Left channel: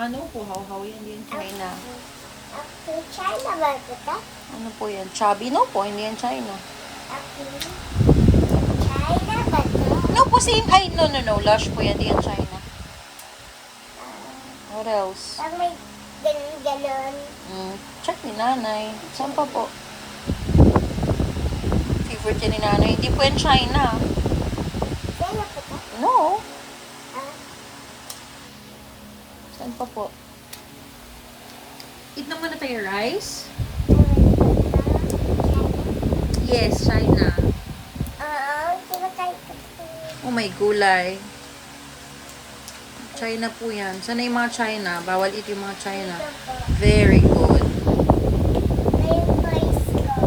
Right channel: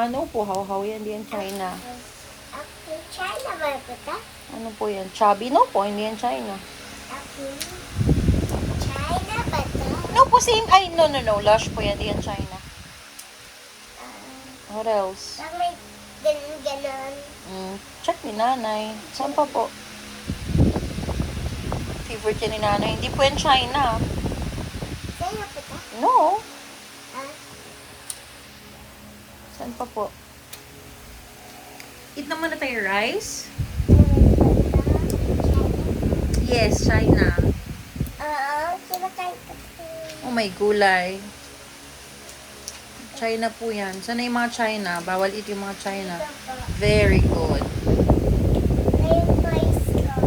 Ano po, how yan, hindi yan China. Ako, China ba kita? Ano po yan? Chubby? No po, hindi yan China. Ako, China ba ito? No po, same. Ay, no. Lush po yan, hindi yan China. What else? Pag may ganon. Check ni nanay. Saan pa po? Favorite yan ni nanay. Hindi po yan China. China ba ito? No. Ah, Saan pa po? Eat naman na tayo rice? China? Yes, China. Oo, kinakain ko ito. Oh, may gulay. China po yan. Sana yung mga China? Bawal eat yung mga China. Ito po. Very good. Na yung toys ko.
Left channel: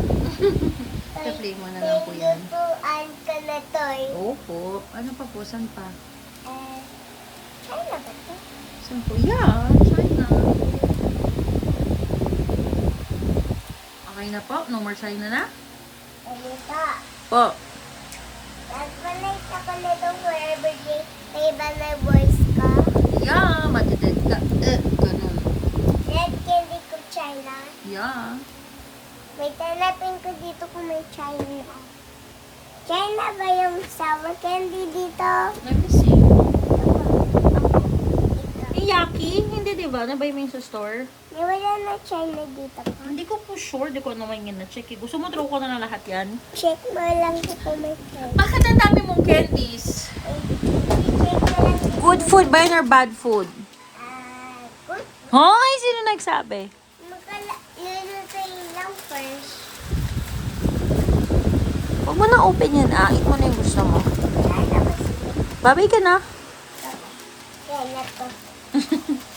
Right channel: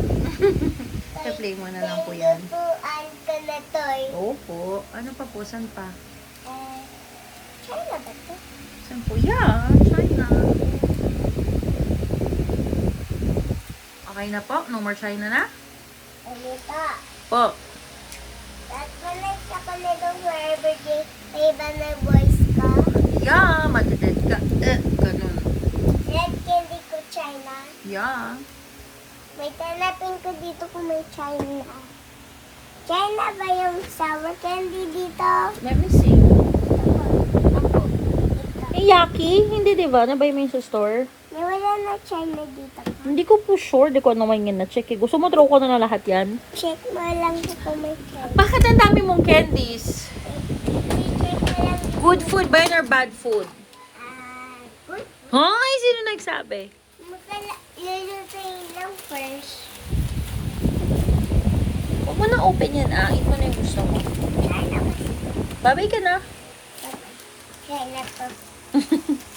I-play mo na lang po yan. Pinlutuan ko na toy. Opo. Ano pa po? Saan pa? China ba ito? Saan po? Yeah, China. Okay na po? No more China na? Ano ito? Po. At malay ka pa na itong forever day. May iba na boys ko. Yeah, matadad ka. Ganun. Red candy ko China. Yeah. May tanapin ko dito kung may China. China ba yung sour candy dito? Let me see. Ito. Yaki? Hindi, diba? Nabay mo yung sa store? May wala na China dito pa. Hindi ko po sure. Di ko naman yun na-check. Gusto mo throw ko na lahat yan? Check mo lang kung may China. Bakit ang dami mong candies? Check mo lang. Good food ba yun or bad food? Good. Hoy, sino nagsabi? Lulutuin lang first. Huwag mo na open yan, ah. Eat mo na yung gusto mo. China ba sila? Babay ka na. China to.